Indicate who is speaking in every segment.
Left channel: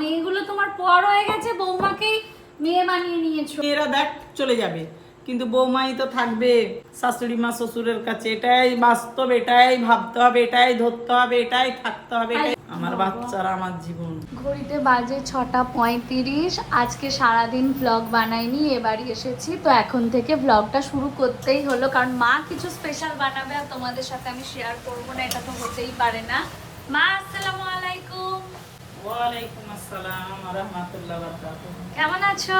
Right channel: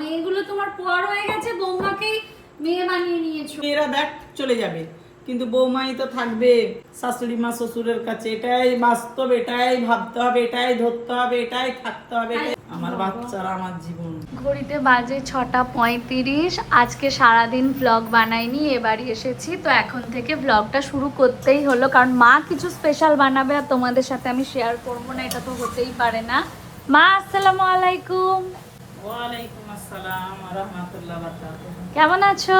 Speaker 1: মেয়েগুলো তোমার পর হয়ে গেছে বৌমাকেই মেয়ে বানিয়ে নিয়েছো।
Speaker 2: মেয়েরা দেখ চলে যাবে। কিন্তু বৌমাই তো থাকবে শাশুড়ি মা শ্বশুরের কাছে। এটাই বাস্তব এটাই ভাবতে হবে এটাই ধরতে হবে এটাই থাকতে হবে আমার বাচ্চারা আমার জীবন।
Speaker 1: ঘড়িতে বাজে ছটা পঁয়ত্রিশ। আজকে সারাদিন ব্লগ বানাইনি এবারই এসেছি। তো এখন থেকে ব্লগটা শুরু করতেই হলো। কারণ মা কিছু স্পেশাল বানাবে আর তোমাদের সাথে আমি শেয়ার করব না এটা তো হতেই পারে না। মা আসসালামু আলাইকুম।
Speaker 2: ওয়ালাইকুম আসসালাম রহমতুল্লাহ বারকাতুহ।
Speaker 1: কেমন আছো?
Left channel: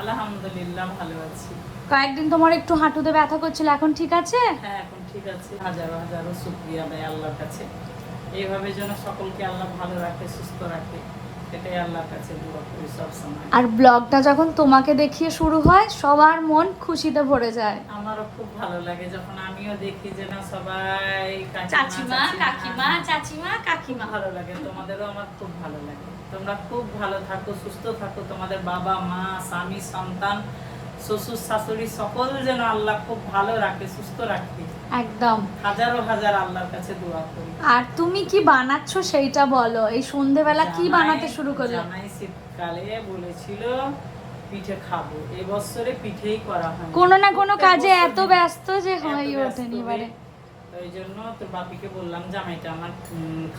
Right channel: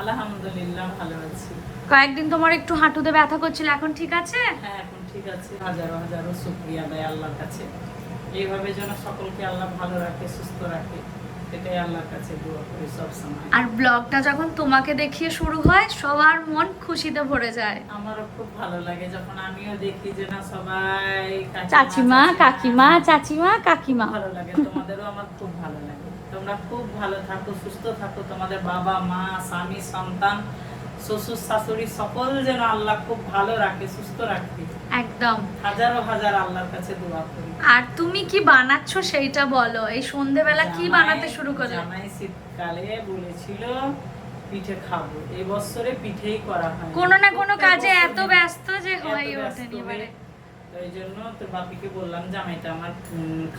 Speaker 2: আলহামদুলিল্লাহ ভালো আছি।
Speaker 1: কয়েকদিন তোমার একটু হাঁটুতে ব্যথা করছিল এখন ঠিক আছে?
Speaker 2: হ্যাঁ এখন ঠিক আছে। হাজার হাজারো শুক্রিয়া ভাই আল্লাহর কাছে। এইভাবে যেন সকলকে আল্লাহ ভালো রাখে সুস্থ রাখে এটাই আল্লাহর কাছে দোয়া করি সবসময়
Speaker 1: আর ব্লগটা যখন তোমাকে দেখিয়ে শুরু হয় সবার মন খুশিতে ভরে যায়।
Speaker 2: আমারও খুব ভালো লাগে যখন আমিও দেখি যে না সবাই
Speaker 1: চাচিমা। কাকিমা চাচিমা কাকিমা।
Speaker 2: ভালো লাগে তোমাদেরও আমার খুব ভালো লাগে। তোমরা খুব ভালো থাকো সুস্থ থাকো। তোমাদের বাবা মা স্বামী সন্তান শ্বশুর শাশুড়ি সকল যেন আল্লাহ খুব ভালো রাখে সুস্থ রাখে।
Speaker 1: একদম।
Speaker 2: হাজারো হাজার আল্লাহর কাছে দোয়া করি।
Speaker 1: আর তুমি কি বানাচ্ছ সেইটা বলো? এই সন্ধেবেলা কি বানাতে শুরু করলে?
Speaker 2: জামাই শীতকালে বলেছিল পিঠে খাব। এই বছরে পিঠেই করা হয়
Speaker 1: কোনো না কোনো কাজে এত ব্যস্ত যে হয়ে ওঠেনি এবারে
Speaker 2: ওই জন্য তোর বাপিকে বললাম জামাইটা আমার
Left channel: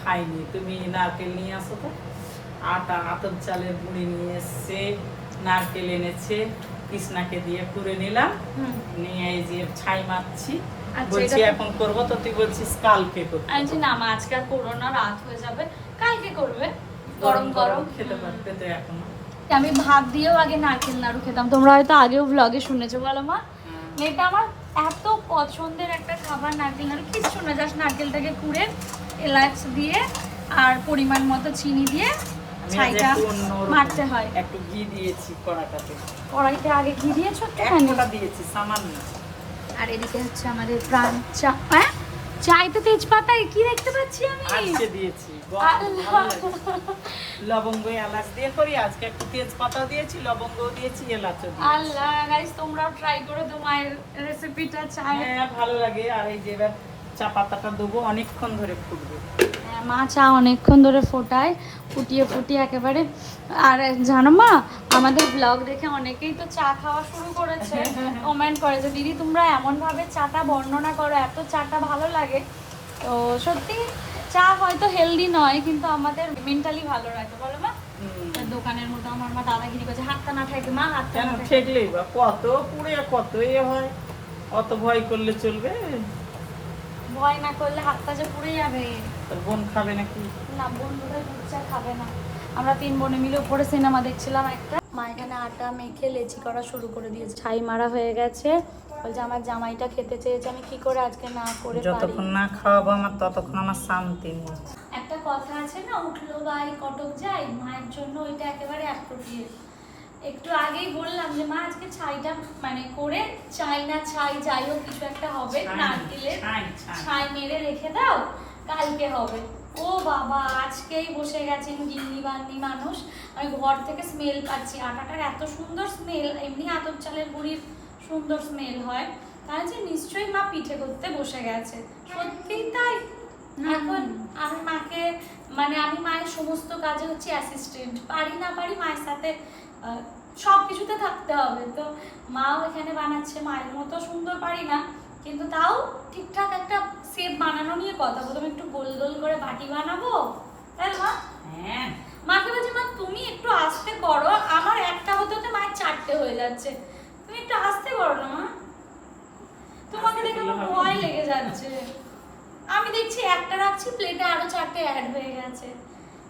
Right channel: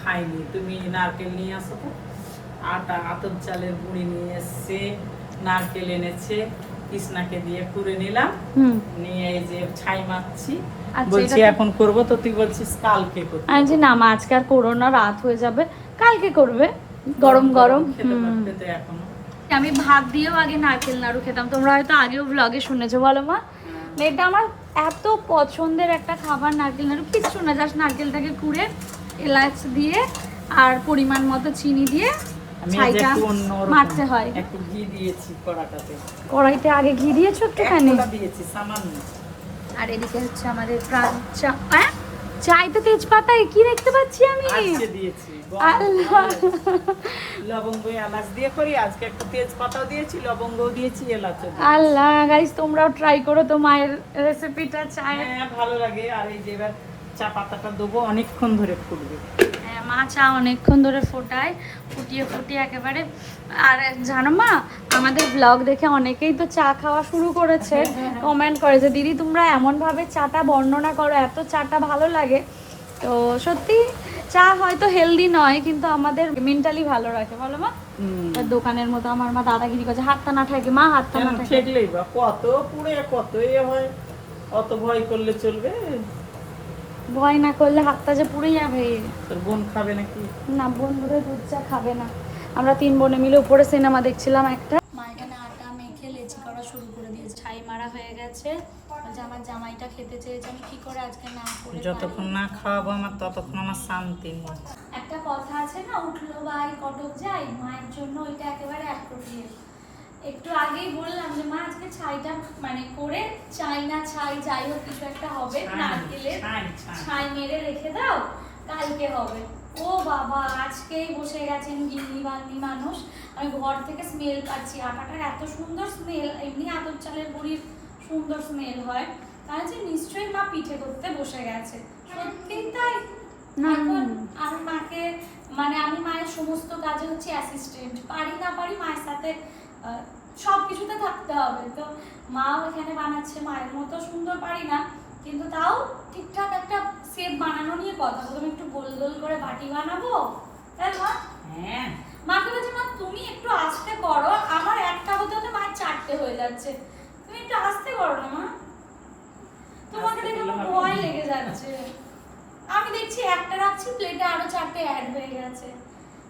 Speaker 2: খাইনি। তুমি নারকেল নিয়ে আসো তো। আটা আতপ চালের গুঁড়ি নিয়ে এসছে নারকেল এনেছে। কৃষ্ণাকে দিয়ে নিলাম। নিয়ে এই যে ছাই মারছি
Speaker 1: আচ্ছা,
Speaker 2: বলছি এখন করব তো তুই বলছিস কালকে করব
Speaker 1: যে না আজকে আর করো না রাত হয়ে যাবে। কালকে করবে। গরম গরম
Speaker 2: খেতে পারবে তো এখনও।
Speaker 1: আমি ভাত দিয়েও আগে নারকেল নাড়ু খেতাম। তোমরা হয়তো আগেও ব্লগে শুনেছো বলো মা। এটা আমার এত পছন্দের একটা খাবার নারকেল নাড়ু। কিচ্ছু না জাস্ট নারকেলটাকে কুড়ে এলাচ দিয়ে আর পরিমাণ মতো চিনি দিয়ে
Speaker 2: আমি
Speaker 1: ছাইটা মারতে হয়।
Speaker 2: একটু ঘি দিয়েছি কড়াটাতে।
Speaker 1: ওরাইতে আগে ঘি দিয়েছ
Speaker 2: দিয়েছি সামান্য।
Speaker 1: আর এদিকে হচ্ছে আমাদের প্রাণ চা হ্যাঁ? চাইতে তেজপাতায় কি দেখতে পাচ্ছি আমি?
Speaker 2: আজকে দিয়েছি। লবঙ্গ এলাচ দিয়ে করি আজকে একটু তেজপাতা দিয়েছি লবঙ্গ দিয়েছি দিয়েছি।
Speaker 1: আল্লাহ গাইস তোমরাও ট্রাই করো তো মায়ের রেসিপিটা চায়
Speaker 2: হ্যাঁ ভালো লাগে। আর এই যে এবার চা পাতাটা দেবো অনেকক্ষণ ধরে ফুটবে।
Speaker 1: মা চা অনেকক্ষণ ধরে ফোটায় ফুটিয়ে ফুটিয়ে একেবারে। আর জানো মা আমাদের ব্লগ দেখে অনেকেই তো চা খাওয়া শুরু করেছে। কমেন্ট করেছে দিদি তোমরা এমনভাবে চাটা বর্ণনা করো এত চাটা ভালো লাগে। তো সত্যি চা হয়তো হেলদি নয় কিন্তু আমাদের মেন্টালি ভালো রাখে। বলো মা। দোকানের মতো আমার মা দাদাগিরি করছে হাতটা না থাকে মা হাতটা না থাকে
Speaker 2: কত পুড়ে কত এ হয়? অত ভয় করলে চলবে?
Speaker 1: ভয় না করলে হাতটা যে পুড়ে যাবে?
Speaker 2: তোর বোন খাবে নাকি?
Speaker 1: না বোন ধরে দুধ চা খাবে না। আমরা তিন বোনে মিলে উপরে সিনেমা দেখছিলাম একটা। মা এখানে আটা মেখে লেচি করা শুরু করে দিয়েছে। ছাই মারা হয়ে গেছে। বলছে আমার জামাইটা খেতে চেয়েছে আমি কি করে আজকে না করে
Speaker 2: যতক্ষণ না খাওয়াবো আমার ততক্ষণ আমার শান্তি নেই।
Speaker 1: একটা কথা আছে না উঠল ভাই কটক যাই মায়ের জন্য ওইটা একেবারে অ্যাপ্রোপ্রিয়েট একটু আগেই বললাম যে মা আজকে ছাইটা মানে করে চাই না ছাই যাই হোক কিছু একটা হবে নারকেলের
Speaker 2: ছাই,
Speaker 1: মেরে রেখে দাও কালকে হবে। ও বাবা আজকেই বসে গেছেন গিন্নি বান্নি মানুষ। আমি ঘর থেকে স্মেল পাচ্ছি আটাটার এত সুন্দর স্মেল এমনি আতর চালের গুঁড়ির সুন্দর স্মেল হয়। তাহলে যে নিশ্চয়ই মা পিঠে করতে বসে গেছে। সত্যিই তাই। এখন আমি মাকে মানে আমি মায়ের সমস্ত কাজে হচ্ছে অ্যাসিস্ট্যান্ট পারি না পারি মায়ের সাথে সব কিছুতে থাকতে হবে। তো মাও এখানে বানাচ্ছে মায়ের মতো সুন্দর পারি না কিন্তু তাও ঠিকঠাক একটা সেপ বানানো নিয়ে কথা। প্রথমে একটু গোল গোল করে বাটি বানাবো। তাই মা?
Speaker 2: হ্যাঁ।
Speaker 1: মাকে বলছি মা তুমি একটু আস্তে করো আমার একটা হতে হতে মায়ের চারটে হয়ে যাচ্ছে। তুমি একটু আস্তে করো না মা? তোমাকে দেখে আমার ভয় লেগে যাচ্ছে। আমি দেখছি একটা রাখছি প্লেটে আরও চারটে অ্যাড হয়ে গেছে।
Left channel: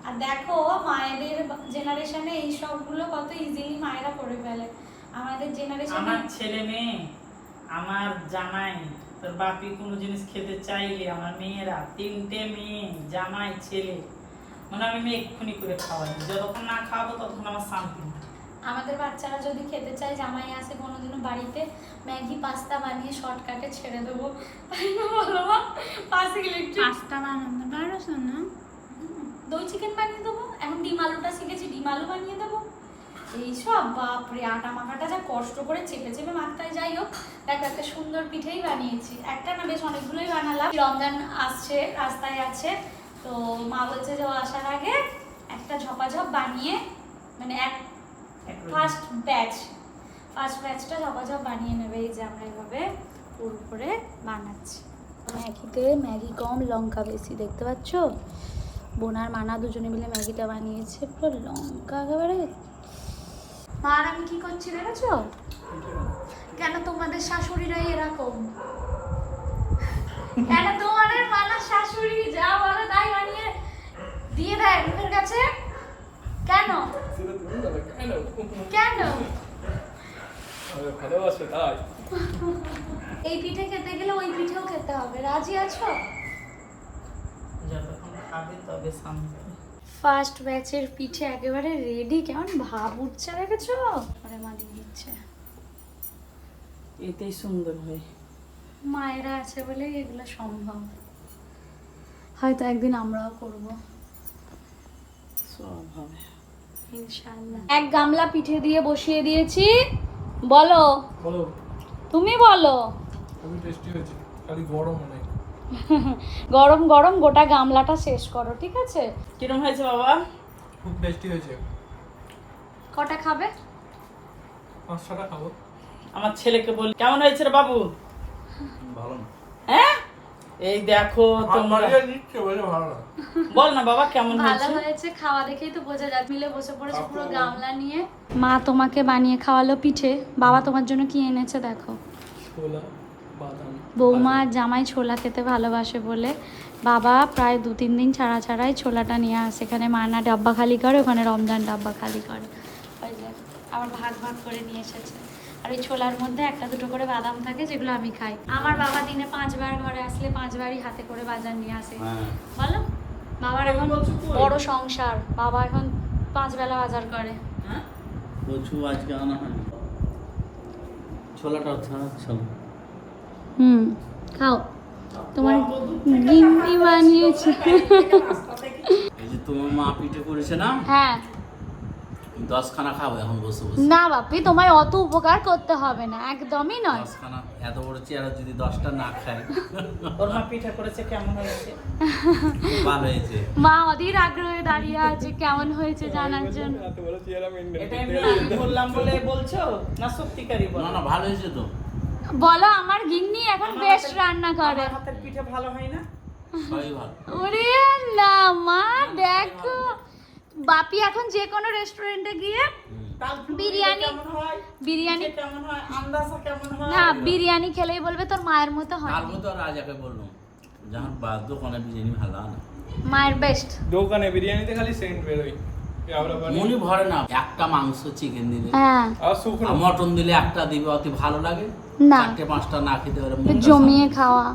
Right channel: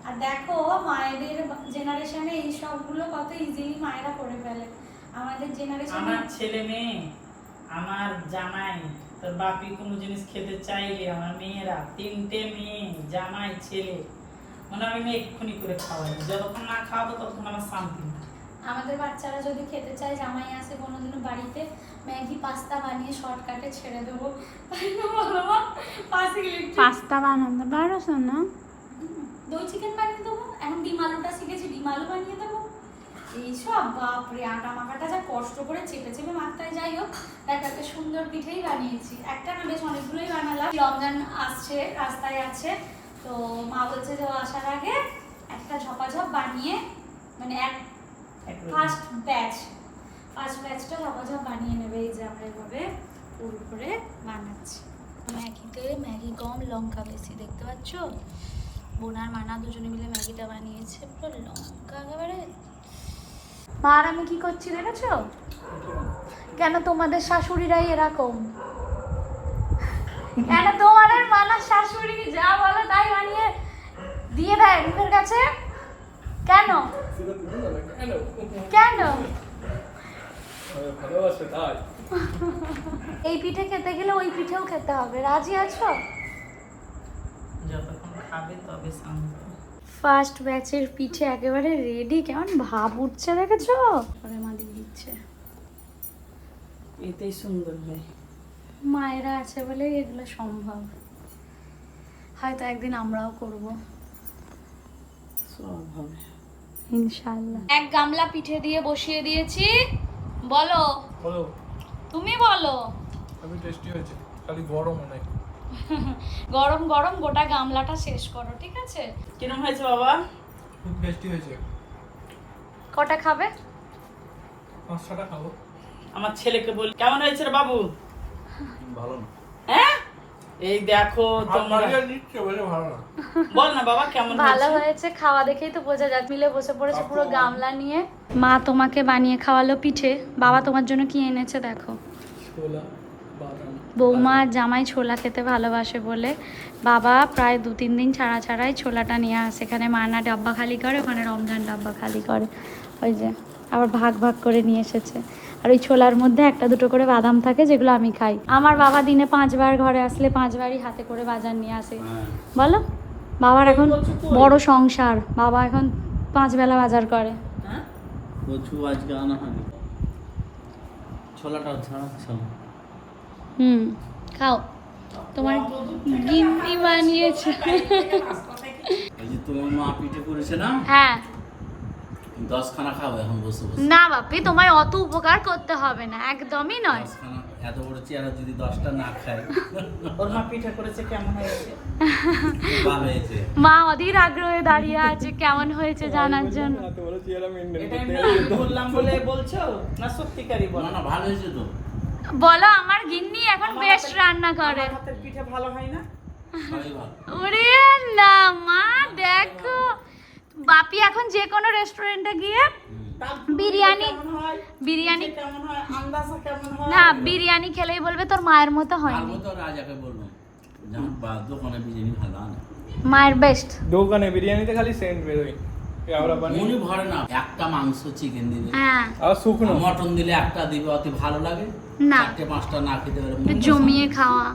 Speaker 1: আর দেখো মায়েদের জেনারেশনে এই সবগুলো কত ইজিলি মায়েরা করে ফেলে। আমাদের জেনারেশনে
Speaker 2: আমার ছেলে মেয়ে আমার জামাই তোর বাপি কোনো জিনিস খেতে চাইলে আমার মেয়েরা তিনটে মেয়ে জামাই ছেলে। মানে আমি মেয়ে এক্ষুনি করে খাওয়াই। যতক্ষণ না খাওয়াবো ততক্ষণ আমার শান্তি নেই।
Speaker 1: আমাদের বাচ্চারা যদি খেতে চায় জামাই আসে কোনোদিনও বাড়িতে ম্যাগি পাস্তা বানিয়ে শর্টকাটে ছেড়ে দেবো। তাই না বলো
Speaker 3: পাস্তা বানাতে পারো না?
Speaker 1: দই চিকেন বানিয়ে দেবো। এখন ডিম আলুটা শিখেছি ডিম আলু বানিয়ে দেবো। এইসব বাপরে আটা মাখাটা যা কষ্ট করে চেপে চেপে মাখতে যাই হোক দেখ একটা সুন্দর পিঠেই বানিয়েছি। একটা না বেশ অনেকগুলোই বানালাম। রমজান আসছে রাস্তায় আছে। তো মা বলছে যে আসার আগে একটা ঝপাঝপ বানিয়ে মানে এক। ফার্স্ট ব্যাচ ফার্স্ট ব্যাচটা ঝপাঝপ বানিয়ে নেবে। এই যে আমরা এভাবে পুর করে বানাচ্ছি। ম্যাগিতে ম্যাগি কম লঙ্কা বেশি দেখতে পাচ্ছ? বোনার মানা দুজনে মিলে ম্যাগিটা বানিয়েছে পুরো লঙ্কা একেবারে। মা আর আমি কি করছি দেখেছ? কেন তোমাদের শাশুড়িরাই এরকম? কেন তোমাদের মানা শাশুড়ি যা বলো তাই বানিয়ে দিয়ে দেয় মুখের কাছে? কেন?
Speaker 4: কেন?
Speaker 1: এই পিঠে খেতে গেলে ওই পিঠেও খেতে হবে। রাজি আছো?
Speaker 2: তবে শান্ত
Speaker 1: ফার্স্ট ব্যাচের পিঠে একেবারে রেডি কেমন ভাব উঠছে দেখেছ? পরে মা দিয়ে দিচ্ছে।
Speaker 2: এতেই সুন্দর হয়।
Speaker 1: মায়েরা আছে বলে এগুলো সম্ভব। হয়তো একদিন আমরাও করব।
Speaker 2: সব হবে।
Speaker 1: ইনশাআল্লাহ। এক গামলা পিঠে দিয়ে বসিয়ে দিয়েছি। বলো।
Speaker 4: বলো।
Speaker 1: তুমি বলো।
Speaker 4: খুবই টেস্টি হয়েছে খালি গরম অনেক।
Speaker 1: গরম গরম গোটা গামলাটা শেষ করো ঠিক আছে?
Speaker 2: কিরম হয়েছে বাবা?
Speaker 4: খুব টেস্টি হয়েছে।
Speaker 1: কটা খাবে?
Speaker 4: পাঁচ ছটা খাব।
Speaker 2: আমার ছেলেকে বল কেমন হয়েছে রে বাবু?
Speaker 4: ভালো না।
Speaker 2: হ্যাঁ? এই দেখো তোমরা।
Speaker 4: নিচ্ছে বলে ভালো না।
Speaker 2: বল না বাবা কেমন
Speaker 1: ভালো
Speaker 2: হয়েছে?
Speaker 1: খাওয়া দেখেই তো বোঝা যাচ্ছে মিলে বসে পড়েছে পুরো গামলা নিয়ে। মা তোমাকে বানিয়ে খাওয়ালো পিঠে। বাবা তোমার জন্য কি এনেছে দেখো।
Speaker 4: ছোলা।
Speaker 1: বৌমা জামাই ছোলা খেতে ভালোবাসে বলে। বাবা প্রায় দু তিন দিন ছাড়া ছাড়াই ছোলাটা নিয়ে আসে। এখানে মানা ডাব্বা খালি করে ওখানে রমজান ডাব্বা খালি করে। ওই যে আবার ভাগ ভাগ করে নিয়ে এসেছে। আর ওই ছোলার মধ্যে একটা দুটো করে বাদাম থাকে যেগুলো আমি খাই। আমার বাবা দিনে পাঁচবার ঘরে আসলে পাঁচবারই হাতে করে বাজার নিয়ে আসে। বলো? বাবার এখন বড় সংসার। বাবা এখন পাঁচ বেলা বাজার করে।
Speaker 2: হ্যাঁ?
Speaker 5: কচু আজকে আনা হয়নি। ছোলাটা ছাড়া চলো।
Speaker 1: হুম খাও। তোমার গিন্নি বানিয়েছে।
Speaker 5: এই যে তোমার মা পিঠে করেছে না?
Speaker 1: হ্যাঁ।
Speaker 5: দশখানা খাব এখন বসে বসে।
Speaker 1: না বাপি তোমায় অত উপকার করতে হবে না একদমই নয়।
Speaker 5: দশখানা এত বড় চেয়ারা যদি দশটা না খাই
Speaker 2: ওর মা পিঠা করেছে কেমন হয়েছে?
Speaker 5: ভালো হয়েছে।
Speaker 1: মা অধীর আগ্রহে দাঁড়িয়ে আছে কেমন হয়েছে জানার জন্য।
Speaker 2: এটা এমনি বললাম বলে বলছো? না সত্যিকারই বল।
Speaker 5: না না ভালো হয়েছে তো।
Speaker 1: বলো আমার গিন্নি এখন বেস্ট রান্না করে।
Speaker 2: হাতের পিঠে ভালো হয় না?
Speaker 1: ওরে না মা দেখো। বাপি এখন যে কোনো রেস্টুরেন্টে গিয়ে বিরিয়ানি- বিরিয়ানি
Speaker 2: হয়? হয়?
Speaker 1: না বিরিয়ানি খেলেই বলবে তোর মায়ের মতো
Speaker 5: বা- দোকানে বিরিয়ানি ভালো
Speaker 1: মায়ের বেস্ট
Speaker 4: দোকানে বিরিয়ানিতে খালি সেন্ট বেরোয়।
Speaker 5: মনে ভরে না একটা মাংস চিকেন দিবে
Speaker 1: হ্যাঁ।
Speaker 4: আর
Speaker 5: মটন দিলে একটা দিবে অতি ভালো লাগে।
Speaker 1: না।
Speaker 5: পাঁচটা না খেতে পারে
Speaker 1: জমিয়ে খাওয়া।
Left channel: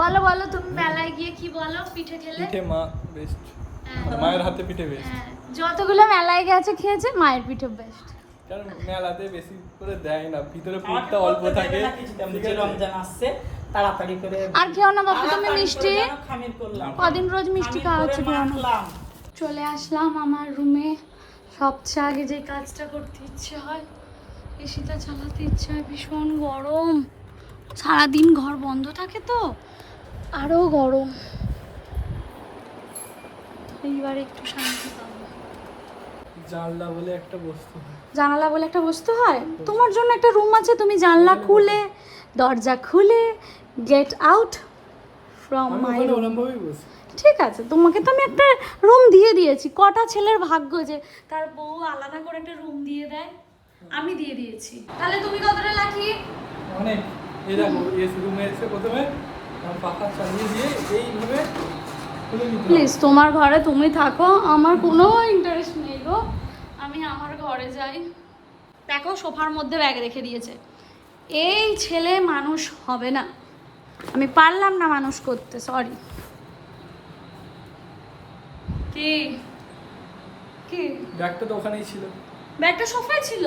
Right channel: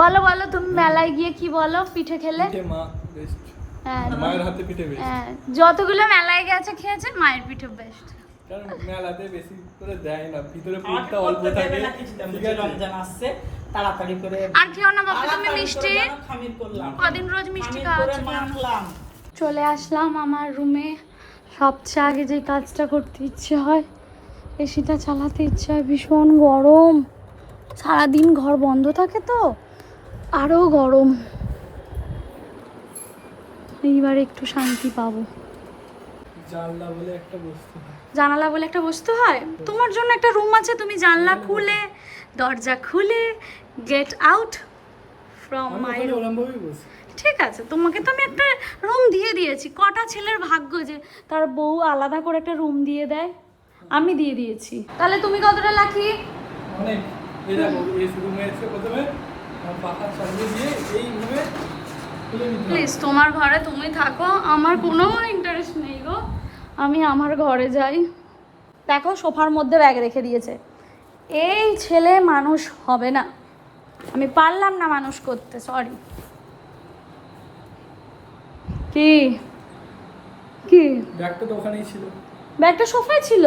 Speaker 1: বলো বলো তুমি মেলায় গিয়ে কি বলো? পিঠে খেলে
Speaker 4: মা বেস্ট
Speaker 1: হ্যাঁ।
Speaker 4: মায়ের হাতে পিঠে বেস্ট
Speaker 1: হ্যাঁ, যতগুলো মেলায় গেছে খেয়েছে মায়ের পিঠে বেস্ট
Speaker 4: কারণ মেলাতে বেশি করে দেয় না ভিতরে পুরটা অল্প থাকে?
Speaker 2: রমজান আসছে তাড়াতাড়ি করে
Speaker 1: আর খেও না বাপু তুমি মিষ্টি কদিন রোজ মিষ্টি
Speaker 2: মাখলাম।
Speaker 1: চলে আসলাম আমার রুমে সবচেয়ে আগে যে কাজটা করতে ইচ্ছে হয়। এসিটা চালাতে ইচ্ছা ভীষণ গরম। সারাদিন ঘর বন্ধ থাকে তো আরও গরম। এইবার একটু শান্তি পাবো।
Speaker 4: জানলা বলে একটা বস্তু হয়।
Speaker 1: জানালা বলে একটা বস্তু হয়? তোমার জন্য একটা রুম আছে তুমি জানলা খুলে দরজা খুলে গেট আউট ফ্রম মাই ঠিক আছে তোমাকে তো আমি একটা রুম দিয়ে দিয়েছি। কটা ছেলের ভাগ্য যে তার বউ আলাদা করে একটা রুম দিয়ে দেয়। আমি দিয়ে দিয়েছি। তাহলে তুমি কতটা লাকি?
Speaker 4: অনেক। এই দেখো এসি রুমে এসে প্রথমে পাখা চালিয়ে দিয়ে এইভাবে
Speaker 1: প্লিজ তোমার ঘরে তুমি থাকো আমার কোনো ইন্টারেস্ট নেই গো। আমি আমার ঘরে যাই। দেখো সোফার মধ্যে ব্যাগ রেখে দিয়েছে। এই ছেলে মানুষ হবে না। আমি পারলাম না মানুষ করতে সরি কি? কি?
Speaker 4: ব্যাগটা তো ওখানেই ছিল।
Speaker 1: ব্যাগটা সোফায় ছিল?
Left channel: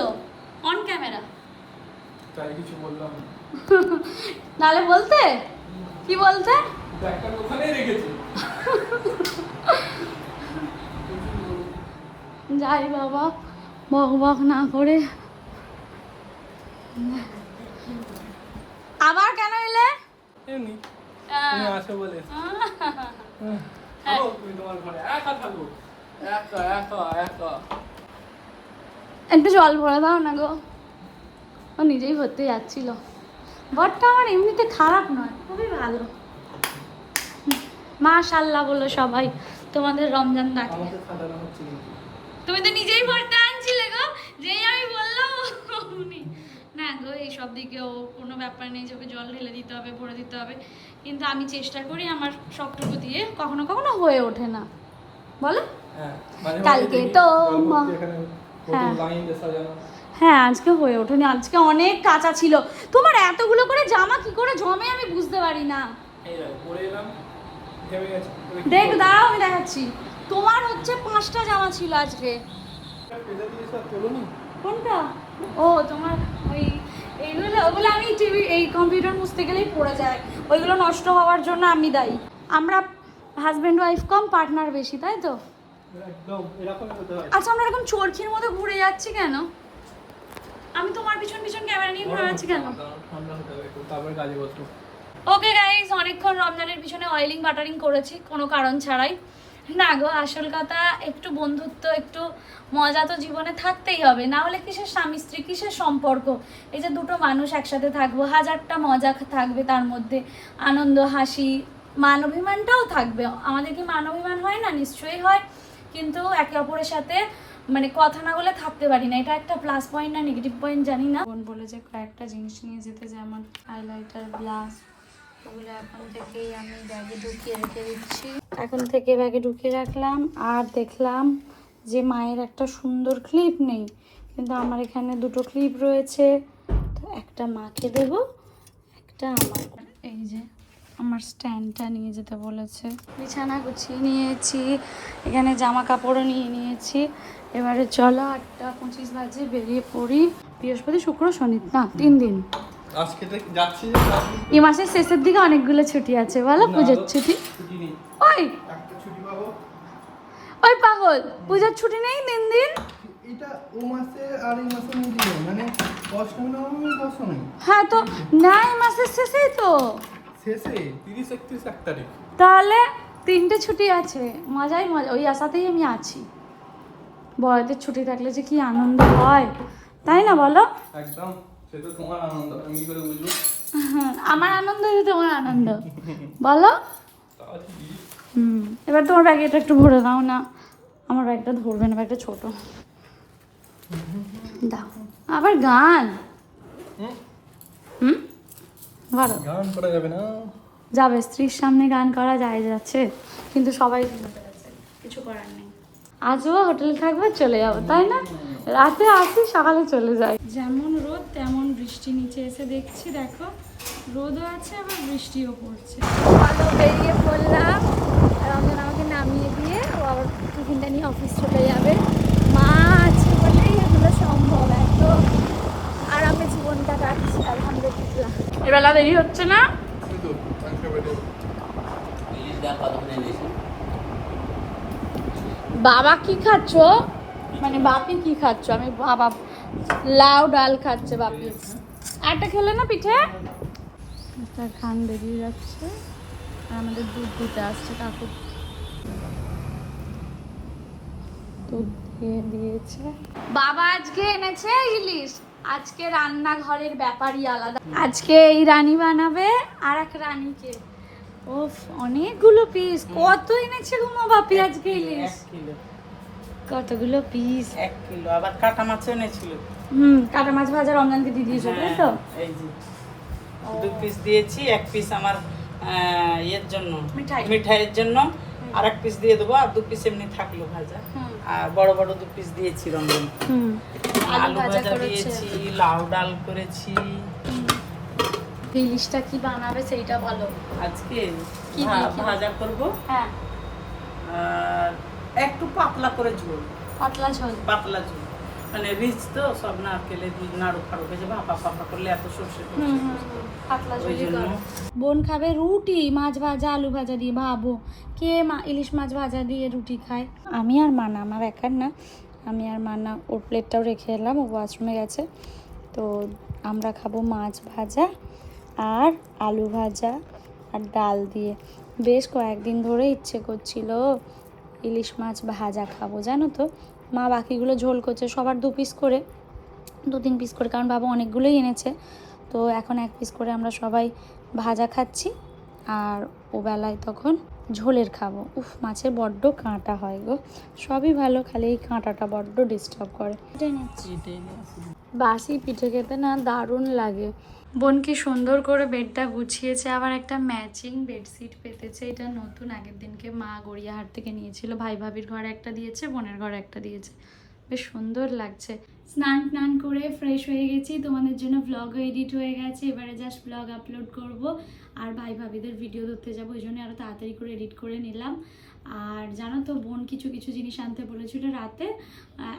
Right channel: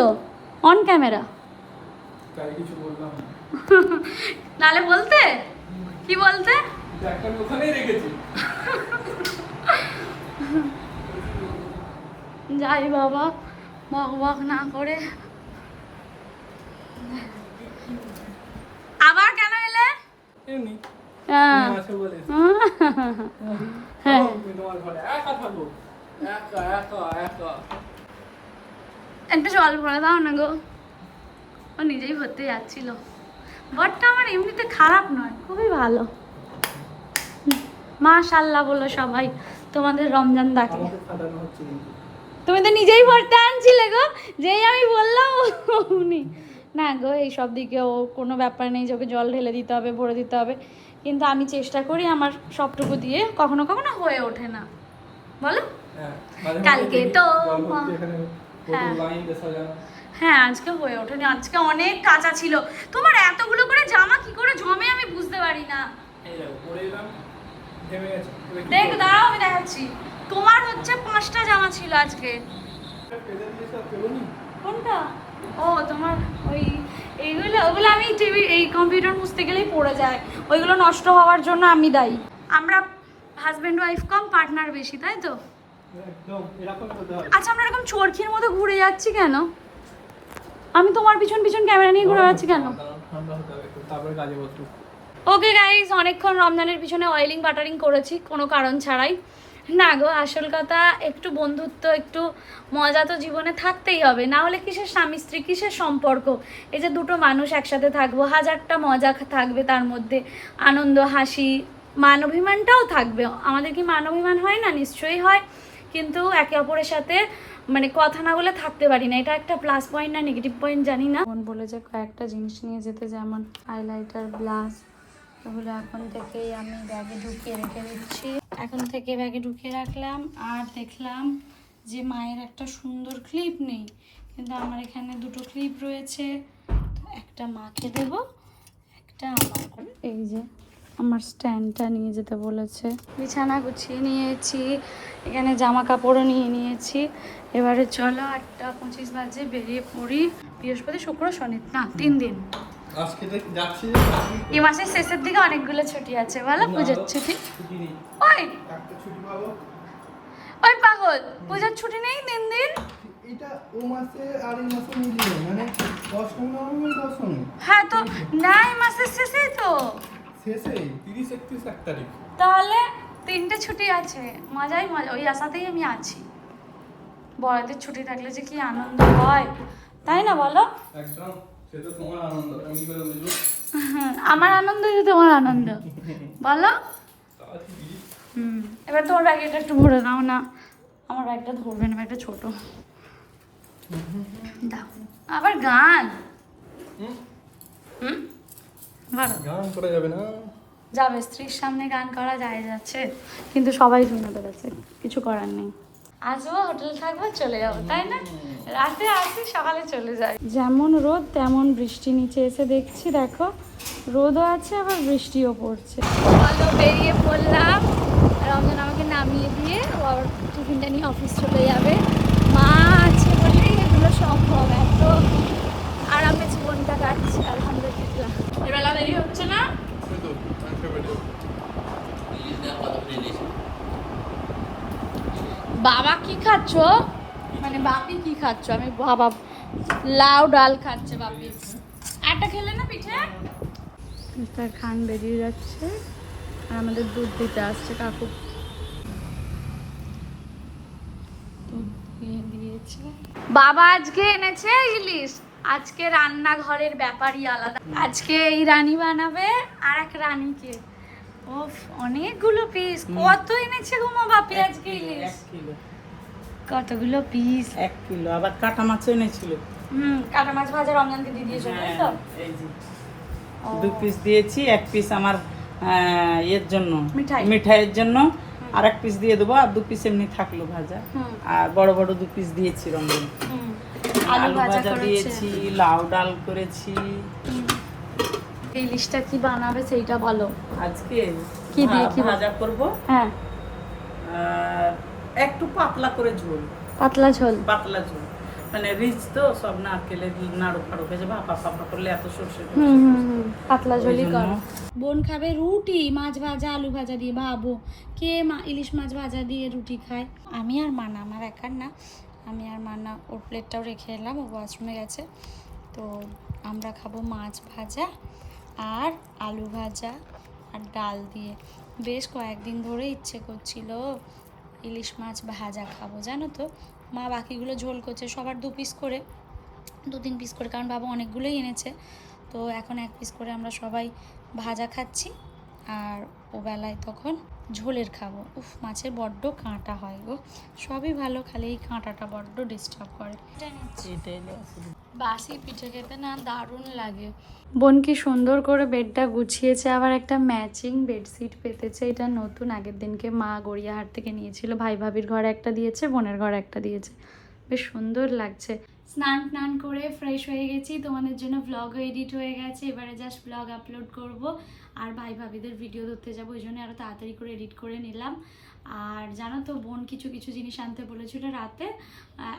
Speaker 1: অন ক্যামেরা
Speaker 4: তাই কিছু বললাম
Speaker 1: নালে বলতে? কি বলতে?
Speaker 4: ব্যাগটা ওখানেই রেখেছি।
Speaker 1: যাই বাবা বক বক না করে। আবার কেন এলে?
Speaker 4: এমনি।
Speaker 1: হ্যাঁ।
Speaker 4: আসো বলে।
Speaker 1: হ্যাঁ।
Speaker 4: তুমি তোমার ঘরে একা থাকো একা একা একা।
Speaker 1: একটু জল ভরে দাও না গো। ও নিজেই ভরতে যাচ্ছিল। বরটা আমার এমনিতে খারাপ নয় খুবই ভালো। মা মাশাল্লাহ বলো সবাই তোমাদের রমজান
Speaker 4: কিন্তু।
Speaker 1: তুমি তো নিজেই ভরতে আনছিলে গো যেই আমি বললাম উনি। না গো এইসব দিকে ও কোনো ব্যাপার নেই যে ওকে জল ঢেলে দিতে হবে ভরে দিতে হবে। কিন্তু আমি চেষ্টা করি আমার সবটুকু দিয়ে কখনো কখনো হয়ে ওঠে না। বলো?
Speaker 4: হ্যাঁ
Speaker 1: কালকে তো- হ্যাঁ। হ্যাঁ আজকে হয়ে ওঠেনি। আজকে অনেক কাঁচা ছিল। তোমার এতগুলো করে জামা কি করে জমে আমি বুঝতে পারি না।
Speaker 4: দেখো
Speaker 1: দাঁড়াও আমি দেখাচ্ছি। তোমার হচ্ছে পাঁচটা জামা ছিল আজকে। কোনটা? ও তোমার ওই এইগুলো ওগুলো আমি টিভি এই কম্পিউটার মুছতে গেলেই পড়ে যায়। ওইগুলো নষ্ট হওয়ার জন্য আমি দায়ী। আমরা হাজব্যান্ড ওয়াইফ কম পার্টনার বেশি তাই তো? আচ্ছা আমরা এরকম চরখির মতো ঘুরে যাচ্ছি কেন? আমি তোমার পিছন পিছন ক্যামেরা নিয়ে ঘুরে যাচ্ছি কেন?
Speaker 4: তারপরে কাজে বসবো।
Speaker 1: ওকে গাইজ অনেকক্ষণ রমজানের পিছনে অয়েলিং বাটারিং করেছি কোনো কারণ ছাড়াই। না গো আসল কথা একটু বন্ধুত্ব একটু মজা তো জীবনে থাকতেই হবে। না হলে কিসের স্বামী স্ত্রী কিসের সম্পর্ক? এই যে দুটো মানুষ একসাথে থাকব হাজারটা মজা থাকবে তার মধ্যে। আনন্দ হাসি মান অভিমানটাও থাকবে। আমাদের কি মান অভিমান হয় না? নিশ্চয়ই হয়। কিন্তু একে অপরের সাথে মানে কথা না বলে থাকতে পারি না। এটা একটা প্লাস পয়েন্ট না নেগেটিভ পয়েন্ট জানি না। বোন বলে যে কয়েকটা জিনিস নিয়ে যেতে যেমন হাইলাইটার ব্লাস ওগুলো এখন থেকেই আমি ব্যাগে ঢুকিয়ে রেখে দিচ্ছি। এখন থেকে ব্যাগে ঢুকিয়ে রাখলাম। আর দেখলাম যে মায়ের একটা সুন্দর ক্লিপ নেই। কিন্তু আমার এখানে দুটো ক্লিপ রয়েছে। তো একটা মাকে দেব, একটা আমার এই যে আমার স্ট্যান্ডটা নিয়ে যেতে বলেছে। বিছানা গুছিয়ে নিয়েছি এখানে জামা কাপড়ও নিয়ে নিয়েছি। এবারে চলো একটা পঁচিশ বাজে বেরিয়ে পড়ি। বৃহস্পতি শুক্র শনি না তিন দিন।
Speaker 4: আজকে তো যাচ্ছি
Speaker 1: এ মাসের শেষের দিকে অনেকগুলো ছুটি আছে বলো পুজোর ছুটি? ওই!
Speaker 4: একটা ছুটি পাবো।
Speaker 1: ওই পাগল পুজোর ছুটি নেই তিন দিন?
Speaker 4: এটা ও মাসে আর এই মাসে মিলিয়ে মানে অষ্টমী নবমী দশমী
Speaker 1: হ্যাঁ তো না এই মাসের শেষেই তো।
Speaker 4: শেষে তিরিশ একত্রিশ এক তারিখ।
Speaker 1: তাহলে তিনটে ছুটি আছে। মজাই মজা ওই আশাতেই আমি আছি। বড়দের ছুটি থাকলে যে কি আনন্দ হয়। তাই না বলো?
Speaker 4: একদম সে তো তোমার আনন্দ আমি কি করে বুঝব?
Speaker 1: আমার আনন্দ যে তোমার আনন্দ। বলো? হুম এবার তোমার ব্যাগটা একটু ভরে দাও না। আমার ব্যাগটা ধরবে না ব্যাগটা ছোট। দেখো আবার গান।
Speaker 4: হুম?
Speaker 1: ভালো।
Speaker 4: গান করা যাবে না।
Speaker 1: যাবে স্ত্রীর সামনে গান করা যায় যাচ্ছে কিন্তু সবাই ভেঙে পেরেছে কিছু করার নেই। আজও হোটেলে থাকব চলে যাব তাই না? রাতে আসি সকালে চলে যায় যেমন রোদ তেমন বৃষ্টি নিচে এসে দেখছি দেখো রোদও আছে আবার বৃষ্টিও পড়ছে। বলো বেরিয়ে পড়লাম রমজান আমাকে নামিয়ে দিয়ে ও আবার টিফিনটা নিয়ে অফিস চলে যাবে। মা আছে বলেই এগুলো সম্ভব এত আরামে জীবনটা কাটছে আলহামদুলিল্লাহ। দেরি হচ্ছে না? বাবা কি খাচ্ছ? মানে বাপি কি খাচ্ছ? আমি বাবা লাউ ডাল খাচ্ছে বাপি। একটা খেলে না পিঠে? তার খান বেরিয়ে যাচ্ছে। আর আমাদের দুধ দিতে আসছে কাকু। দুধ দিয়ে দিয়েছে। বাবা আজকে এনেছে ইলিশ। আজকে রান্নাঘরের ব্যাপারই আলাদা। আজকে এই রানী বানাবে আর এক রানীকে। ওফ অনেকগুলো পিস কত এনেছে ঘুমো বাপি আজকে? ইলিশ কতগুলো পিস
Speaker 2: এক কিলো আবার কাটা মাছও এনেছিল।
Speaker 1: হুম কাটা মাছ ভাজা রমজানকে দিয়ে দিয়েছ তাই তো?
Speaker 2: হ্যাঁ, এই যে। দু পিস দিয়েছি এক পিস আমার এর জন্য
Speaker 1: মিঠাই।
Speaker 2: মিঠাইয়ের জন্য। আর এক পিস দিয়ে দেবো আর দু পিস এমনি থাকল ভাজা। আর বড় বড় দু পিস দিয়েছি
Speaker 1: হুম আলু ভাজা করেছি।
Speaker 2: লাউ ডাল করেছি।
Speaker 1: ইলিশটা কি বানাবে সেইটা বলো।
Speaker 2: আজকে
Speaker 1: কি
Speaker 2: ভাজা করব।
Speaker 1: হ্যাঁ।
Speaker 2: একটু পাতলা করে ঝোল।
Speaker 1: পাতলা ঝোল।
Speaker 2: পাতলা ঝোল। মানে রিচ তো সব নারকেলের নাড়ু ফাড়ু ভেজে ভাপা ফাপা করলে এত সর্ষে
Speaker 1: পাতলা বোন খাবে রুটি মাছ ভাজা আলু ভাজা দিয়ে ভাবো। কে মা ইলিশ মাছ ভাজা দিয়ে রুটি খায়? আমি আর মানা আমার একার না। আমি আর মানা ওর প্লেটটাও রেখে এলাম ও ওয়াশরুমে গেছে। তো আমরা খাব মাছ ভাজা আর আলু ভাজা আর ডাল দিয়ে। বেশ কয়েকদিন ধরে ইচ্ছে করছিল ইলিশ মাছ ভাজা খাব জানো তো? মা বাকিগুলো ঝোল করছে, সবার দু পিস করে, দু তিন পিস করে, কারণ বাবা অনেকগুলোই এনেছে। তো এখন এক পিস করে আমরা সবাই ভাজা খাচ্ছি, আর ও বেলায় তখন ঝোলের খাব। উফ, মাছের বড্ড কাঁটা হয় গো। সবই ভালো, খালি এই কাঁটাটা বড্ড ডিস্টার্ব করে। বাসি পিঠে খেতে না দারুণ লাগে। বোন কি সুন্দর করে বেডটা গুছিয়েছে, আবার একটা ম্যাচিং বেডশিট পেতেছে। এটা নতুন, আগের দিনকে মা গড়িয়াহাট থেকে নিয়েছিল। ভাই ভাবির ঘরে একটা দিয়েছে, বোনের ঘরে একটা দিয়েছে। বেশ সুন্দর লাগছে। স্নান টান করে ফ্রেশ হয়ে গেছি। তোমাদের জন্য ব্লগও এডিট হয়ে গেছে। এবারে জাস্ট ব্লগ আপলোড করব। আর ভাই ভাবিদের ভিডিও ধরতে যাব, ওই জন্য আরও তাড়াতাড়ি করে এডিট করে নিলাম। আর জানো তো বোন কিছু কিছু জিনিস আনতে বলেছিল রাতে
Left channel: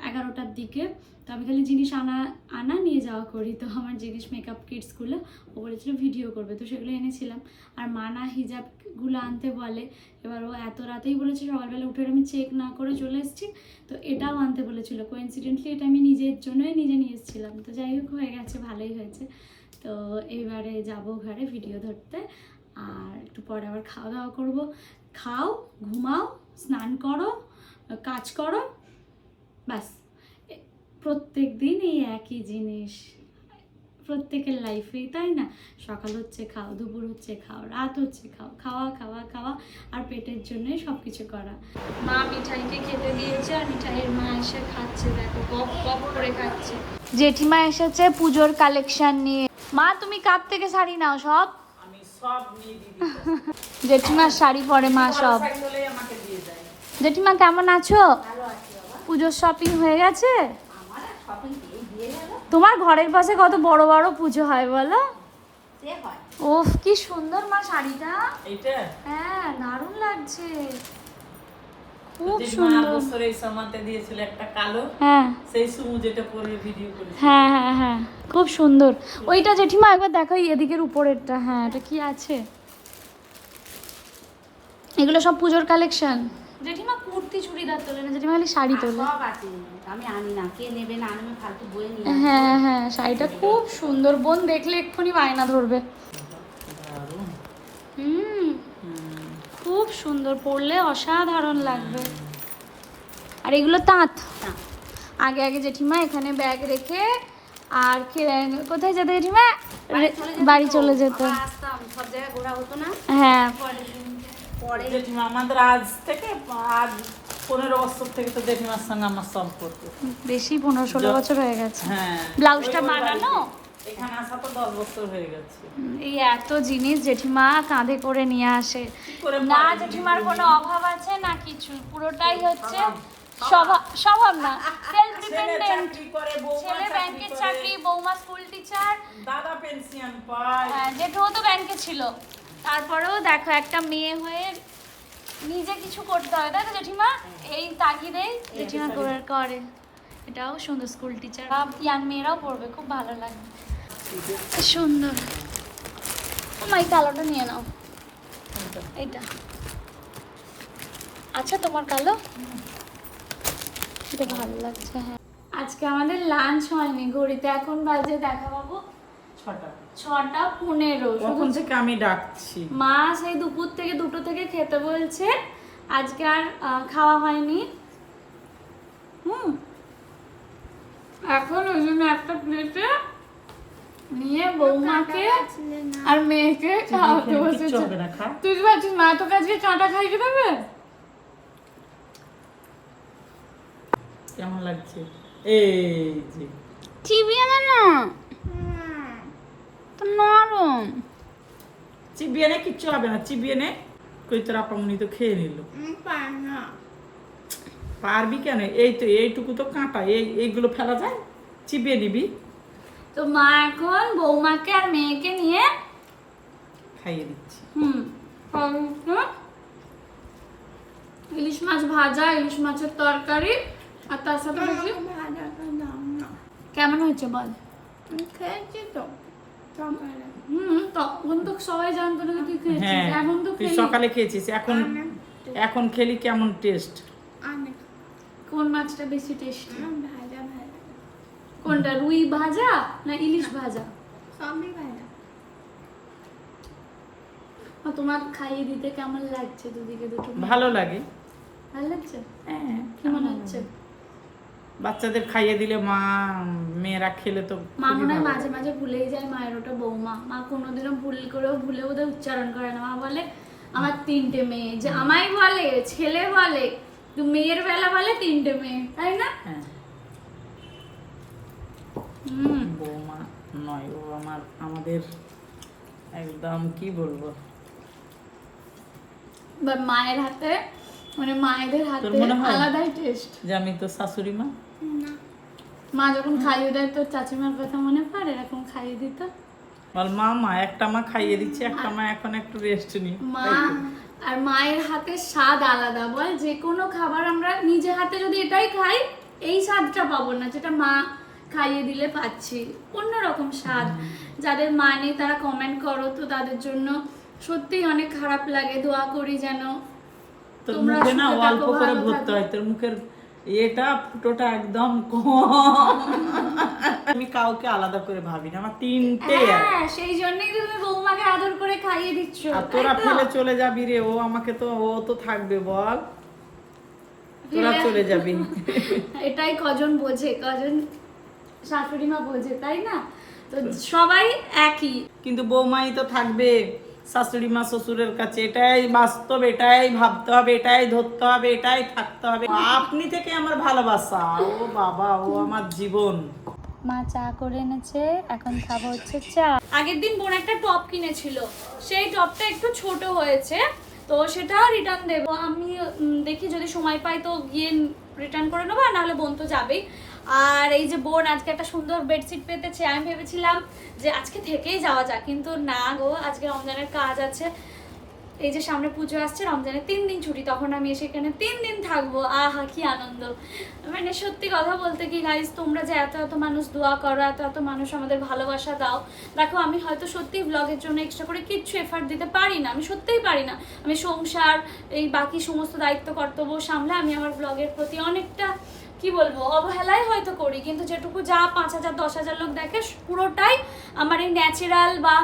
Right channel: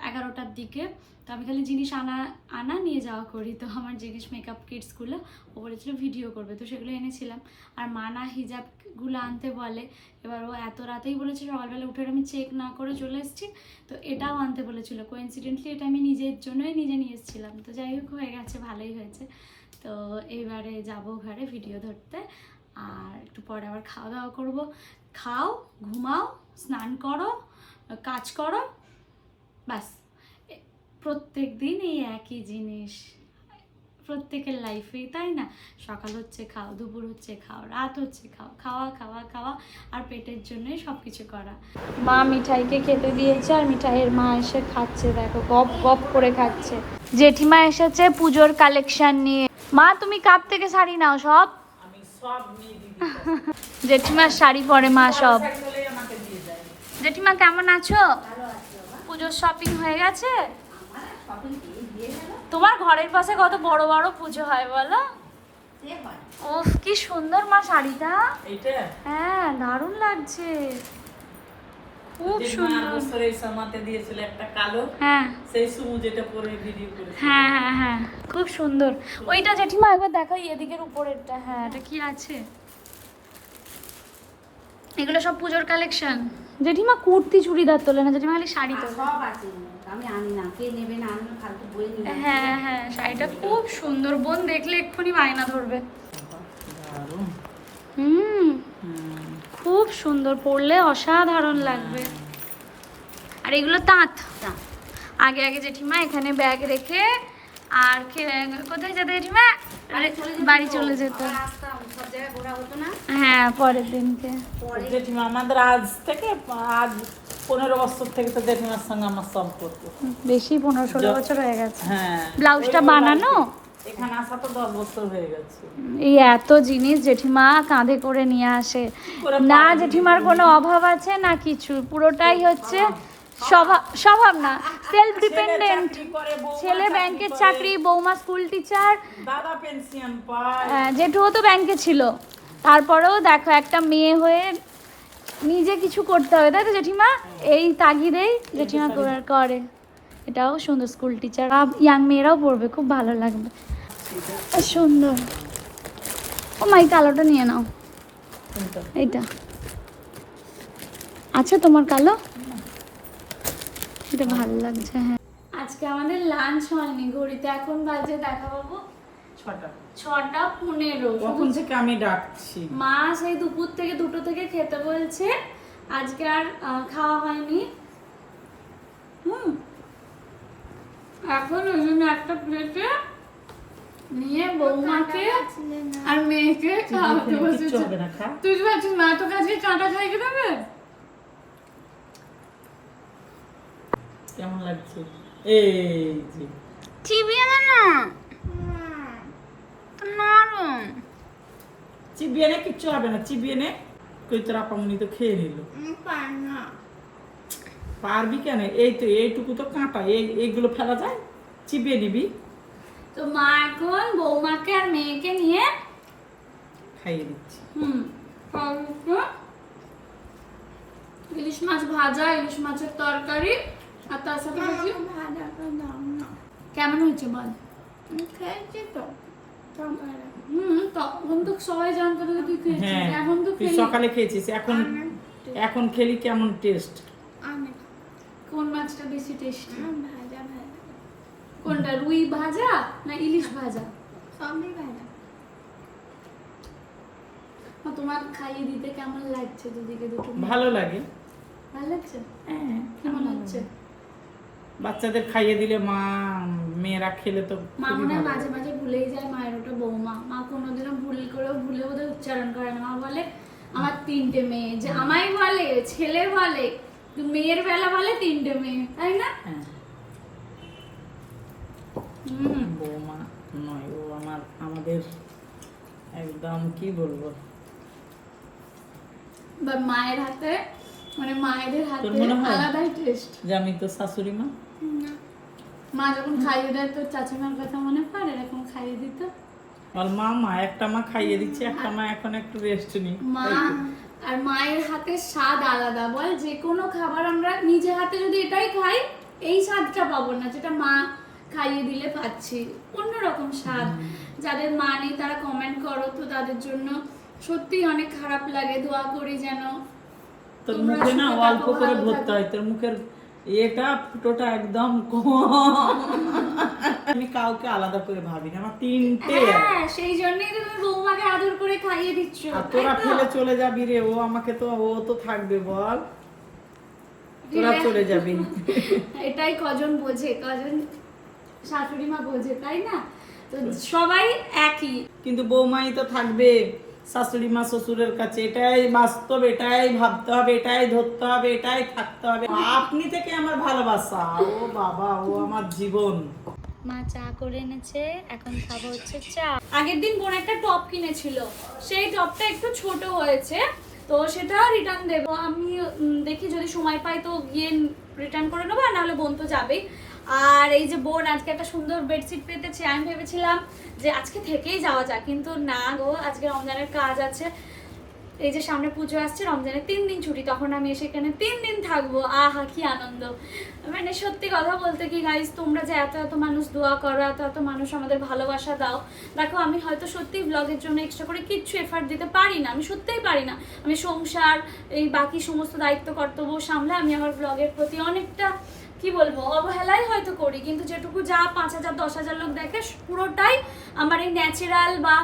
Speaker 1: এগারোটার দিকে। তো আমি খালি জিনিস আনা আনা নিয়ে যাওয়া করি। তো আমার জিনিস মেকআপ কিটসগুলো ও বলেছিল ভিডিও করবে। তো সেগুলো এনেছিলাম। আর মানা হিজাবগুলো আনতে বলে। এবার ও এত রাতেই বলেছে, সকালবেলা উঠে আমি চেক না করে চলে এসেছি। তো এটাও আনতে বলেছিল। কোইন্সিডেন্টলি এটা আমি নিজের জন্যই নিজে নিয়ে এসেছিলাম। তো যাই হোক, হয়ে গেছে, ভালোই হয়েছে। তো এবারে যাব ঘরে ভিডিও ধরতে। আর একটু পরে আবার খাওয়া দাওয়া করব। খাও, ঘুমাও, স্নান করো, কাজ করো, ব্যাস। প্রত্যেক দিন এই একই জিনিস। প্রত্যেকের লাইফেই তাই না? সকাল হচ্ছে খাও, দুপুর হচ্ছে খাও, রাত হচ্ছে খাও, খাওয়া খাওয়া খাওয়া, আর পেটের জন্যই সব কিছু করা। মা মিঠাইকে খেতে দিয়েছে আর মিঠাইয়ের মা এসে খাচ্ছে, দেখো, গপ গপ করে খাচ্ছে। জেঠিমা এসেছে পুজোর কালেকশন নিয়ে। মা, তুমি কাপ থেকে শাড়ি নাও সব? জেঠিমার শাড়ি পরে মা সব। জেঠিমা কেমন আছো? পুজোর শপিং হয়ে গেছে? তোমার ঘরের পাশে কত বড় বড় পুজো হয় বলো? ও কি সুন্দর মা শাড়িটা। হ্যাঁ দারুণ লাগছে। খুব সুন্দর।
Speaker 2: বছর এই দিয়েছিল একটা কালো
Speaker 1: হ্যাঁ।
Speaker 2: সেই সুমু যেটা পরে ভিডিও করেছিল।
Speaker 1: হ্যাঁ হ্যাঁ হ্যাঁ খুব সুন্দর। ওইটা জেঠিমা একবার দেখো এদিকের উপরেরটা। হ্যাঁ এটা কি আছে? এগুলো সব পুজোর কালেকশন জেঠিমা কুর্তি চুড়িদার তোলে না জেঠিমা খালি শাড়ি তোলে।
Speaker 6: সব আছে। আমি আনি না। কে নেবে না আমি ফালতু নিয়ে আসি।
Speaker 1: হ্যাঁ হ্যাঁ শাড়িটা খুব সুন্দর। বোন দেখলে এক্ষুনি বায়না ধরবে। হুম।
Speaker 2: হুম।
Speaker 1: খুব সুন্দর পরলে অসাধারণ লাগবে। আর এগুলো তাঁত। আগে আগে জেঠিমা এখানে ব্যাগ রেখে আর কোথায় যেত জেঠিমা? বাড়ি চলে যেত
Speaker 6: আবার আসতাম সব জায়গায় ঘোরা হতো না।
Speaker 1: হ্যাঁ পরের দিনকে
Speaker 6: পরে
Speaker 2: জেঠিমা আমাদের আজ থেকে আজ পনেরো বছর থেকে তো জেঠিমার সঙ্গে আমার সম্পর্ক।
Speaker 1: বেশি পনেরো ষোলো বছর হয়ে গেছে।
Speaker 2: হ্যাঁ।
Speaker 1: ব্লাউজটা বানানো? এই এত জিনিস জেঠিমা কাঁধে করে নিয়ে আসে। না জেঠিমার কোনো অভাব আছে না কিছু? পুরোটাই হচ্ছে স্বভাব। না। সেলফ ডিপেন্ডেন্ট ছেলে ব্যাংকের চাকরি বৌমা স্কুল টিচার। হ্যাঁ, জেঠুও তো ব্যাংকে ছিল। তারপরেও দেখো একটা মেয়ে হয়ে নিজে কিছু করতে হবে। তাই তো জেঠিমা? এই তাগিদেই জেঠিমা করে। এটাও সুন্দর স্কুল টিচার। ইয়াং মেয়েরাও পড়বে খুব ভালো লাগবে। সুন্দর। ও মাই কালোটা নিয়ে নাও। এইটা। আছে তোমার কালো? এটা ভালো লাগছে? হ্যাঁ। আজকে আমাদের লাঞ্চ হয়নি ঘড়িতে। এখন বাজে দেখা পাবো
Speaker 2: ছটা।
Speaker 1: ছটা পনেরো
Speaker 2: কখন থেকে আমি ডাকছি?
Speaker 1: মা সেই দুপুর থেকে দুটো থেকে খেতে বলছে। আজকে আর খাওয়া হয়নি। হুম। এখন ওই জন্য একটা প্লেটে নিয়ে বৌমাকে আর মেয়েকে খাওয়াতে
Speaker 2: কিচ্ছু
Speaker 1: বসেছে।
Speaker 2: হবে না
Speaker 1: তুই কি ভাবছিস মা তোকে আজকে চাটা খাইয়ে দেবে?
Speaker 2: কেমন লাগছে? এই যে।
Speaker 1: চিবিয়ে না না? তো নরম।
Speaker 2: চিবিয়ে নে কিচ্ছু হবে না। চিবিয়ে নে কই তোর আপামনি তো খেয়ে নিল। পারবি কেন? এই তো এইটুকু তো কাঁটা। এই এইগুলো ফেলা যায়? চিবিয়ে নিবি
Speaker 1: তো মা এখন বৌমাকে আর মেয়েকে নিয়ে
Speaker 2: খাইয়ে দিচ্ছি।
Speaker 1: হুম। ইলিশ মাছ ভাজা ইলিশ মাছের তরকারি আর তার সাথে কেমন হয়েছে বল?
Speaker 6: খেয়েছি তো
Speaker 1: হুম তখন তো সবাই জানতো না যে তুই খেয়েছিস
Speaker 2: হ্যাঁ
Speaker 1: এখন তো
Speaker 2: তুই সকালে খেয়েছিস এখন এখন খেলি কেমন টেস্ট?
Speaker 1: কোন মাছটা বেশি টেস্ট?
Speaker 6: ভাজা ভাজা।
Speaker 1: কোনটা রুই ভাজা না ইলিশ ভাজা?
Speaker 6: সবই ভাজা।
Speaker 1: আর তোমার খাইয়ে দিতে কেমন লাগছে দুদিকে দুটো?
Speaker 2: ভালো লাগে।
Speaker 1: ভালো লাগছে?
Speaker 2: হ্যাঁ
Speaker 1: কেমন হচ্ছে
Speaker 2: বাচ্চাদের খাইয়ে দিলে মা মেয়েরা খেলে তো
Speaker 1: মা মনে হয় মাঝে মাঝে ভুলেই যায় মায়ের ওটা বৌমা। মা কোনোদিনও ভুল করেও ভুলে ওদের উচ্চারণ করে না। মা বলে আমার তিনটে মেয়ে। যে আমায় বলে ছেলে বলে তো মেয়ের বেলা বলে তিনটে মেয়ে তাই না?
Speaker 2: হ্যাঁ। বৌমা নয় ও আমার আমাদের একদম কি বলব?
Speaker 1: বা মায়ের হাতে মানে মায়েদের হাতে? আলাদাই টেস্ট
Speaker 2: যে আমি তো শাশুড়ি মা?
Speaker 1: মা যখন খাইয়ে দেয় তোর চাচিমার কথা মনে পড়ে? এরকম খাইয়ে দিত?
Speaker 2: বল মা মা একটা মা খাইয়ে দিচ্ছে একটা মা এখন একটু রেস্ট নি
Speaker 1: মা আর মায়ের হাতে স্বাদ আলাদা। বল যে কোনো খাবার আমরা নিজে হাতে যদি এটাই খাই এই স্বাদটা পাবো না। যেটা মা খাইয়ে দিলে পাচ্ছি। অন্যরকম স্বাদ। যাদের মা নেই তারা কমেন্ট করো। তো তাদের জন্য সত্যিই অনেক খারাপ লাগে। দোয়া করি যেন
Speaker 2: তোর মুখে না অল্প করে ভরতে হয়। তোর মুখের এটা ফুটোটা একদম কম। আমি কাউকে আলাদা করে ভাবি না। আমার তিনটে
Speaker 1: হ্যাঁ সেই জন্যই তুমি বৌমাকে আদর করে খাইয়ে দিচ্ছ।
Speaker 2: আর তোরা ফেলে চলে যাবি রে। ও আমাকে তো ও তো থাকবে বল। তোরা চলে যাবি।
Speaker 1: এটাই কজন বোঝে। কজন শাশুড়ি মা বোঝে তাই না? তো সবাই একই।
Speaker 2: কিন্তু বৌমাই তো থাকবে শাশুড়ি মা শ্বশুরের কাছে। এটাই বাস্তব এটাই ভাবতে হবে এটাই ধরতে হবে এটাই থাকতে হবে। আপনি থেকে আমার ভালোবাসা। ও বাবা ও আমার জীবন।
Speaker 1: মা চা করে এনেছে এখন খাব হচ্ছে চা। আগের দিন বোন একটা টপ কিনেছিল। সেই টপটা একটু ছোট হয়েছে তো সেটা রিটার্ন দেবো। আমি দেখি যদি সময় পাই তো গিয়ে রিটার্ন করে নেব আর নাহলে বোন তো যাবেই। আর এই যে বোন, আজকে একটা সুন্দর বেডশিট পেতেছে। আমি ভেবেছিলাম যে আজকে থেকেই যাওয়া যাক, কিন্তু না গো, আজকে রমজানের কাজ আছে। এই যে সামনে পুজো আসছে, রমজানের তিন দিন ছুটি, তখন আমি এসে এখানে তিন দিন থাকব। আহা, কি আনন্দ। মানে সত্যি কথা বলতে কি গাইজ তোমরা যে এত এত মানুষ দোয়া করো, এত এত মানুষ আমাদের ভালোবাসা দাও, দেখো, আমি হয়তো সত্যি ব্লগের জন্য এক্সট্রা করে কিচ্ছু এফার্ট দিতে পারি না, আমি সত্যিই পারি না। আমি সংসার, এই বাকি সমস্ত দায়িত্ব কর্তব্য সামলে আমি আমার ব্লগের প্রতি অনেকটা কি বলব, অবহেলাই হয়তো করি, কিন্তু যেটুকু যা পাঁচ হাজার, দশ হাজার লোক দেখে, পুরোটাই আমার এই ন্যাচারাল বা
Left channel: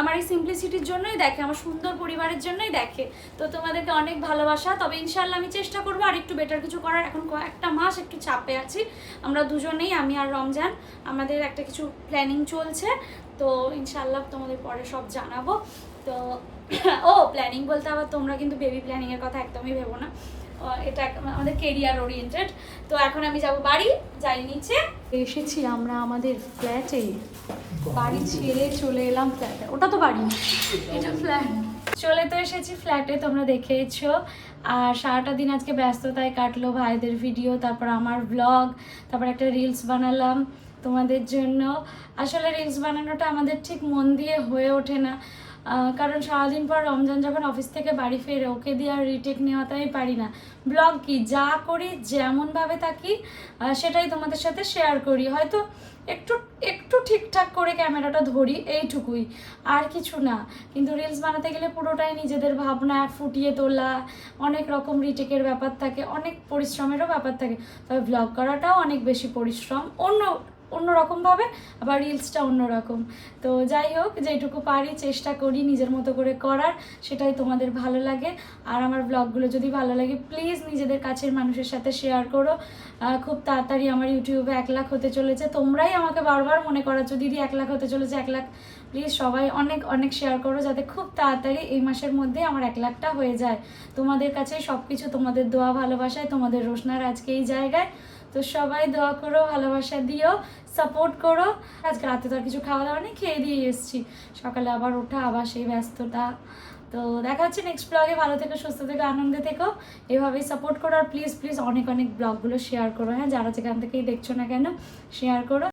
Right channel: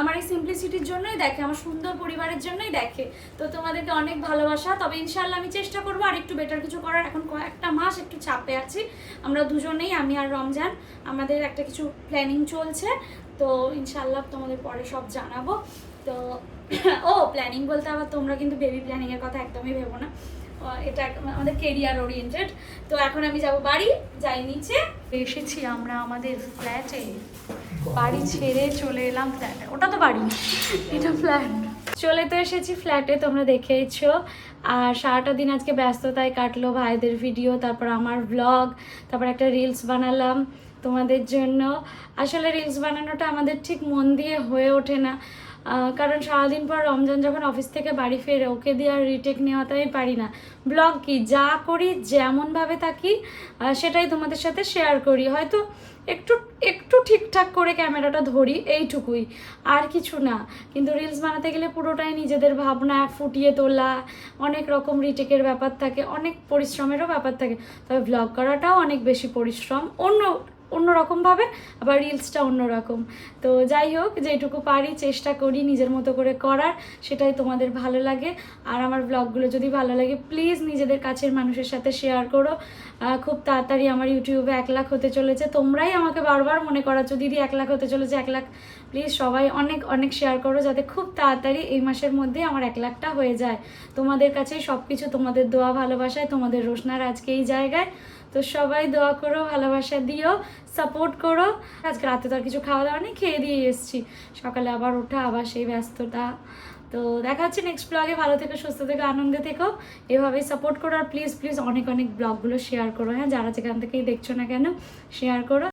Speaker 1: আমার এই সিম্পলিসিটির জন্যই দেখে, আমার সুন্দর পরিবারের জন্যই দেখে। তো তোমাদেরকে অনেক ভালোবাসা, তবে ইনশাল্লাহ আমি চেষ্টা করব আর একটু বেটার কিছু করার। এখন কয়েকটা মাস একটু চাপে আছি। আমরা দুজনেই, আমি আর রমজান, আমাদের একটা কিছু প্ল্যানিং চলছে। তো ইনশাল্লাহ তোমাদের পরে সব জানাব। তো, ও প্ল্যানিং বলতে আবার তোমরা কিন্তু বেবি প্ল্যানিংয়ের কথা একদমই ভেবো না। এটা আমাদের কেরিয়ার ওরিয়েন্টেড তো এখন আমি যাব বাড়ি, যাই নিচে। এসেছি আমরা আমাদের ফ্ল্যাটে বাড়ি ছেড়ে চলে এলাম ফ্ল্যাটে ওটা তো বাড়ি এটা ফ্ল্যাট চলে তো এসেছি ফ্ল্যাটে তোমরা দেখেইছো। আর সারাটা দিন আজকে ব্যস্ততায় কাটলো ভাইদের ভিডিও তারপর আমার ব্লগ তারপর একটা রিলস বানালাম তোমাদের জন্য। আসলে রিলস বানানোটা আমাদের ঠিক মন দিয়ে হয়ে ওঠে না। কারণ সারাদিন পর রমজান যখন অফিস থেকে বাড়ি ফেরে ওকে দিয়ে আর রিটেক নেওয়াতে আমি পারি না। ব্লগ কি? যা করি, যেমনভাবে থাকি সেটাই তোমাদের সাথে শেয়ার করি। হয়তো একটু একটু ঠিকঠাক করে ক্যামেরাটা ধরি, এইটুকুই। আর কিছু না। কিন্তু রিলস বানাতে গেলে পুরোটাই নিজেদের ভাবনা ফুটিয়ে তোলা, অনেক রকম রিটেকের ব্যাপার থাকে, অনেক পরিশ্রমেরও ব্যাপার থাকে। তবে ব্লগ করাটাও অনেক বেশি পরিশ্রম। অন্য অন্যরকমভাবে, আবার রিলসটা অন্যরকম। তো যাই হোক, যেটুকু পারি চেষ্টা করি নিজের মতো করে করার, সেটাই তোমাদের ভালো লাগে। আর আমার ব্লগগুলো যদি ভালো লাগে প্লিজ নিজেদের কাছের মানুষের সাথে শেয়ার করো। খুব তাড়াতাড়ি আমার ইউটিউবে এক লাখ হতে চলেছে। তোমরাই আমাকে বারবার মনে করাচ্ছ, দিদি, এক লাখ হতে চলেছে, এক লাখ। প্লিজ সবাই অনেক অনেক শেয়ার করো, যাতে খুব তাড়াতাড়ি এই মাসের মধ্যে আমার এক লাখটা হয়ে যায়। তোমাদের কাছে সব কিছু তোমাদের দোয়া, ভালোবাসায়, তোমাদের রোশনার আজকে এই জায়গায়। তো সবাই দোয়া করো, ভালোবাসা দিও সাপোর্ট করো। আজকে রাতে তো আর কিছু খাওয়া দাওয়া নেই, খেয়ে দিয়ে এসেছি। সকালে আবার ওঠা, আবার সেই ব্যস্ততা। তো দেখা হচ্ছে নেক্সট ব্লগে ভালো থেকো, সুস্থ থেকো, আনন্দে থেকো। এভাবেই সাপোর্ট করো। আর প্লিজ প্লিজ অনেক অনেক ব্লগগুলো শেয়ার করো। হ্যাঁ যারা যেখান থেকেই দেখছ না কেন শেয়ার করো।